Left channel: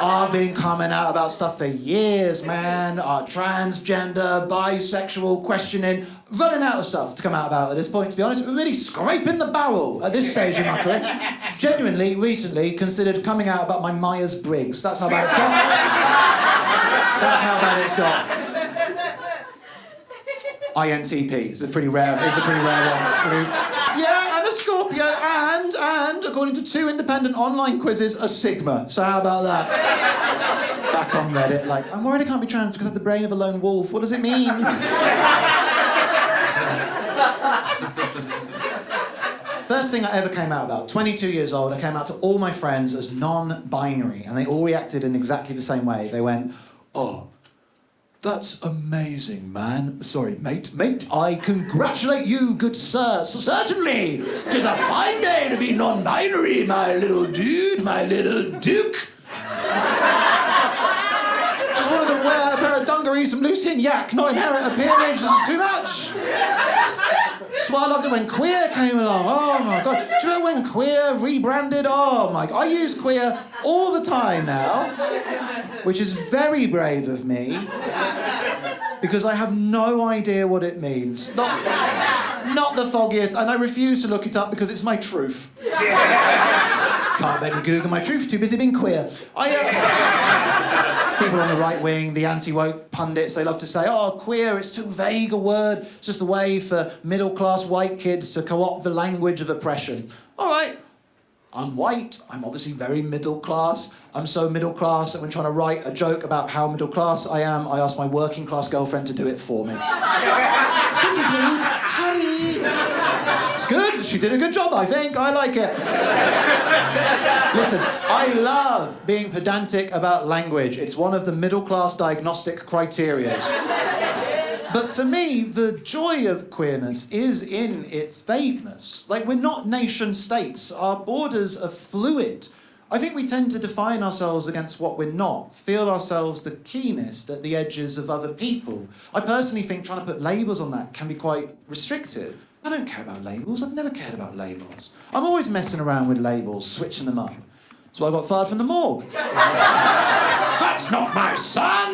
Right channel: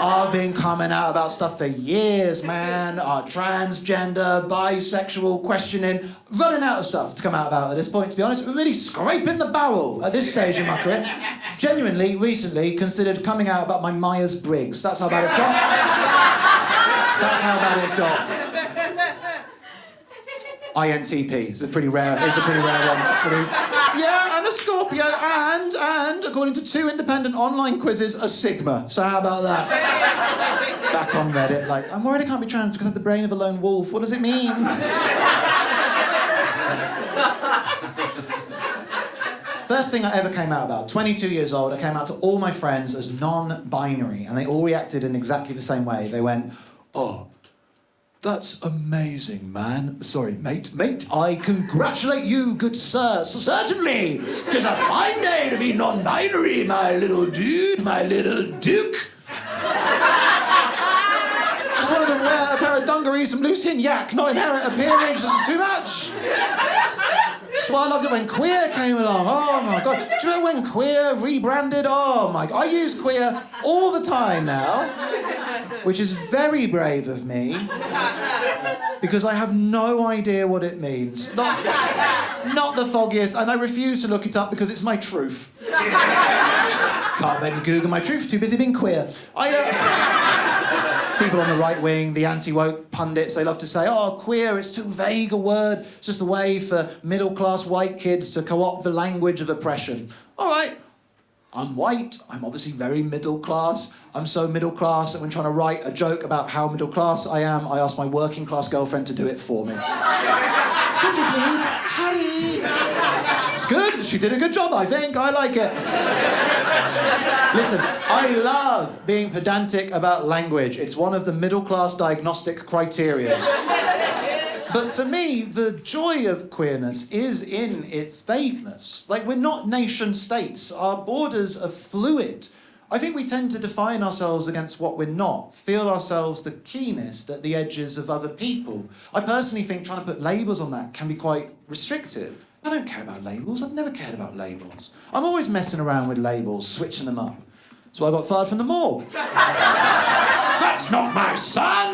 I've been coming out about stuff for years, man. Transgender, bisexual, questioning. Running out of stuff to come out about at this point, to be honest. We're really scraping the barrel at this stage in my career. Genuinely, recently, considered coming out about my Myers-Briggs. That's how bad it's got. That's how bad it's got. INTP is a pretty rare one. Yeah, and a Scorpio, and according to 2 independent online quizzes, a Sigma. So how about that? Back on Reddit, like, I'm worried I can't be trans because I have the brain of a lone wolf. What does it mean? First thing I ever came out about, 22 years old, I came out to all my friends as non-binary, and they all reacted in exactly the same way. They went, oh, that's amazing, man. Sorry, mate. I congratulate you, good sir. Certainly, 'tis a fine day to be non-binary, my little dude, my little duke. Just wanted to wear a pair of dungarees from Lucien Yak, not inherit a peerage. This is too much. That's why I loved it when Queer came along. Oh, my God. Do you remember when Queer rebranded? Oh, my God. I use Queer all the time now, which is very brave of me, because I have no idea what it means. Not the foggiest, and I refuse to look it up because it's my truth. Can't let me Google my truth, too busy being queer. People on the right wing, the anti-woke pundits, they love to say, oh, queer, it's too vague a word. It's just a way for middle-class white kids to co-opt the language of oppression. All right, I'm white, I'm obviously very middle-class. I'm so middle-class that when trying to write a joke about how middle-class I am, I ask my working-class girlfriend to do it for me. Could you please hurry? It's good, she did a good job, I think. I like it. Listen, I love being pedantic about language. It's one of the middle-class diagnostic criteria. But for me, the joy of queerness is in its vagueness. Like, we're not nation states. Our borders are fluid. I think we tend to define ourselves against what we're not, feel ourselves the keenest at the edges of other people. I personally think trying to put labels on that can be quite restrictive. I don't care about labels. I've never cared about labels. I'm always messing around with labels, switching them up. So I got fired from the morgue. That's not my son!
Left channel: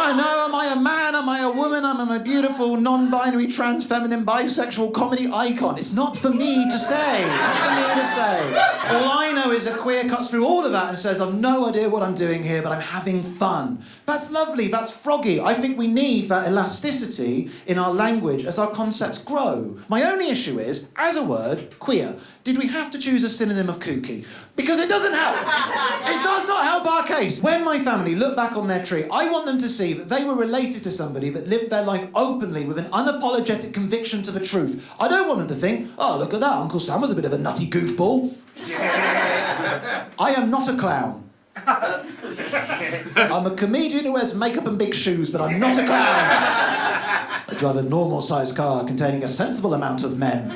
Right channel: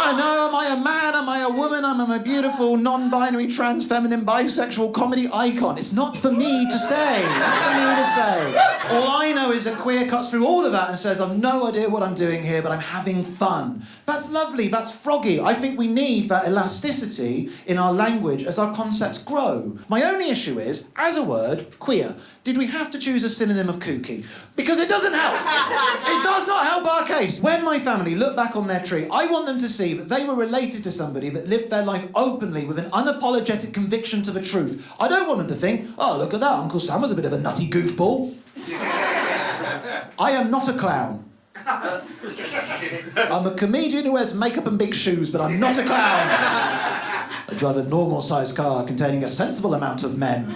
I know, am I a man, am I a woman, am I a beautiful, non-binary, trans, feminine, bisexual comedy icon? It's not for me to say, not for me to say. All I know is that Queer cuts through all of that and says, I've no idea what I'm doing here, but I'm having fun. That's lovely, that's froggy. I think we need that elasticity in our language as our concepts grow. My only issue is, as a word, queer, did we have to choose a synonym of kooky? Because it doesn't help. It does not help our case. When my family look back on their tree, I want them to see that they were related to somebody that lived their life openly with an unapologetic conviction to the truth. I don't want them to think, oh, look at that, Uncle Sam was a bit of a nutty goofball. I am not a clown. I'm a comedian who wears makeup and big shoes, but I'm not a clown. I drive a normal-sized car containing a sensible amount of men.